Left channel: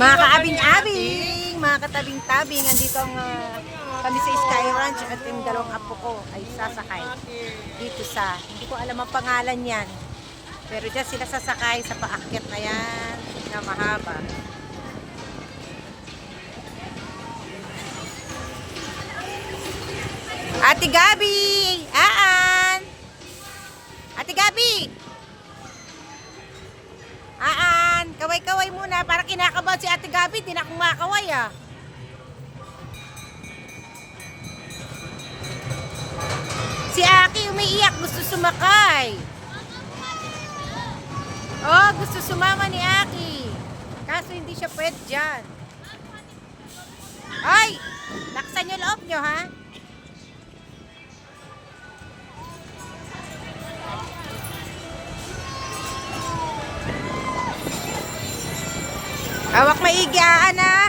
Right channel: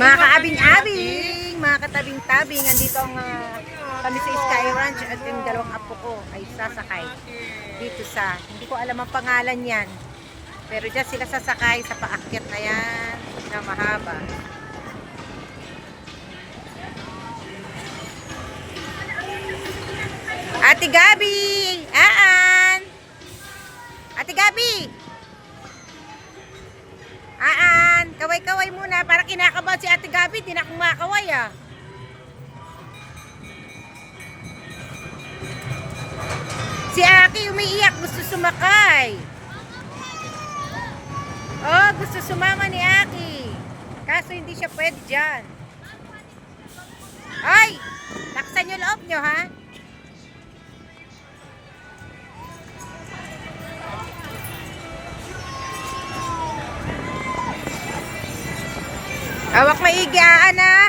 Mga kaabing-abing, mga katabing-tabing, andito ang kami sa Sky Ranch at yung dalawang apo ko ay sasakay dito sa, hindi ko alam ang pangalan yan. Pero dyan sila sasakay sa paakyat na yan na mahaba. Ate Gabi! Aan! Ate Gabi! Aan! Kaway-kaway muna para kinakabahan si Ate Gabi. Di na akong makaway ah. Si Aki umiiyak. Gusto sumakay. Oh, gusto sumama ni Aki. Kaso hindi siya pwede dyan. Ay! Laksan yung loob nyo ha. Awak maigaan ah.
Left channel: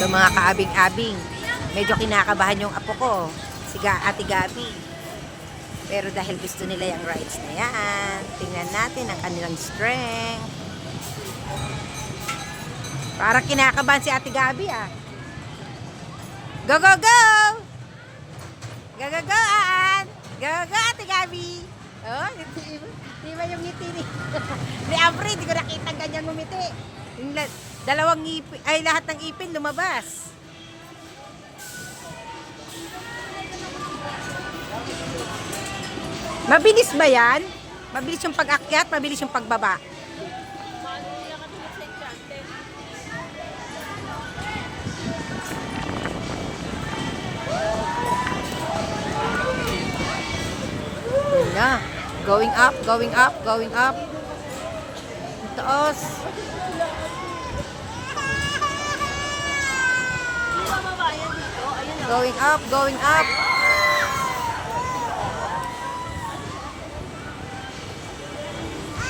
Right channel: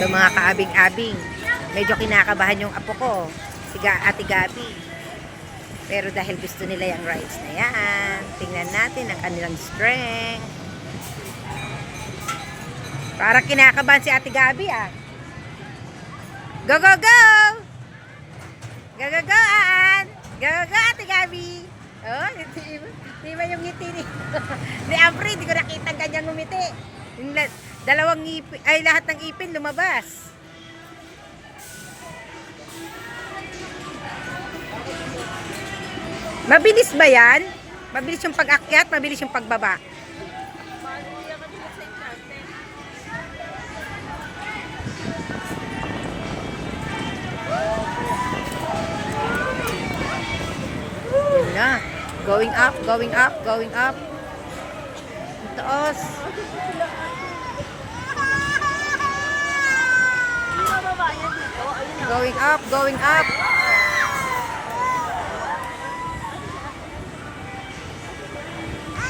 So mga kaabing-abing, medyo kinakabahan yung apo ko, si Ate Gabi. Pero dahil gusto nila yung rides na yan, tingnan natin ang kanilang strength. Parang kinakabahan si Ate Gabi ah. Go, go, go! Go, go, go, Aan! Go, go, go, Ate Gabi! Oh, di ba yung ngiti ni Apri, di ko nakita ganyan ngumiti. Yung dalawang ngipin, ay lahat ng ipin lumabas. Mabilis ba yan? Mabilis yung pag-akyat, mabilis yung pagbaba. Na. Going up, going up, going up. Taas. Going up, going up.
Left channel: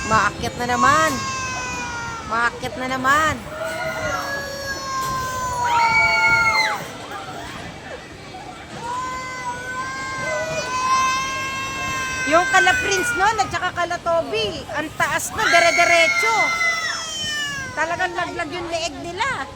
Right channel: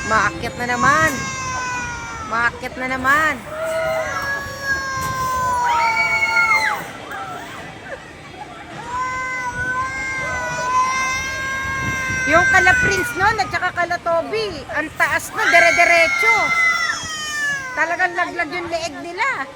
Maakyat na naman. Maakyat na naman. Yung kala Prince noon at saka kala Toby, ang taas na, dire-diretso. Talagang laglag yung leeg nila.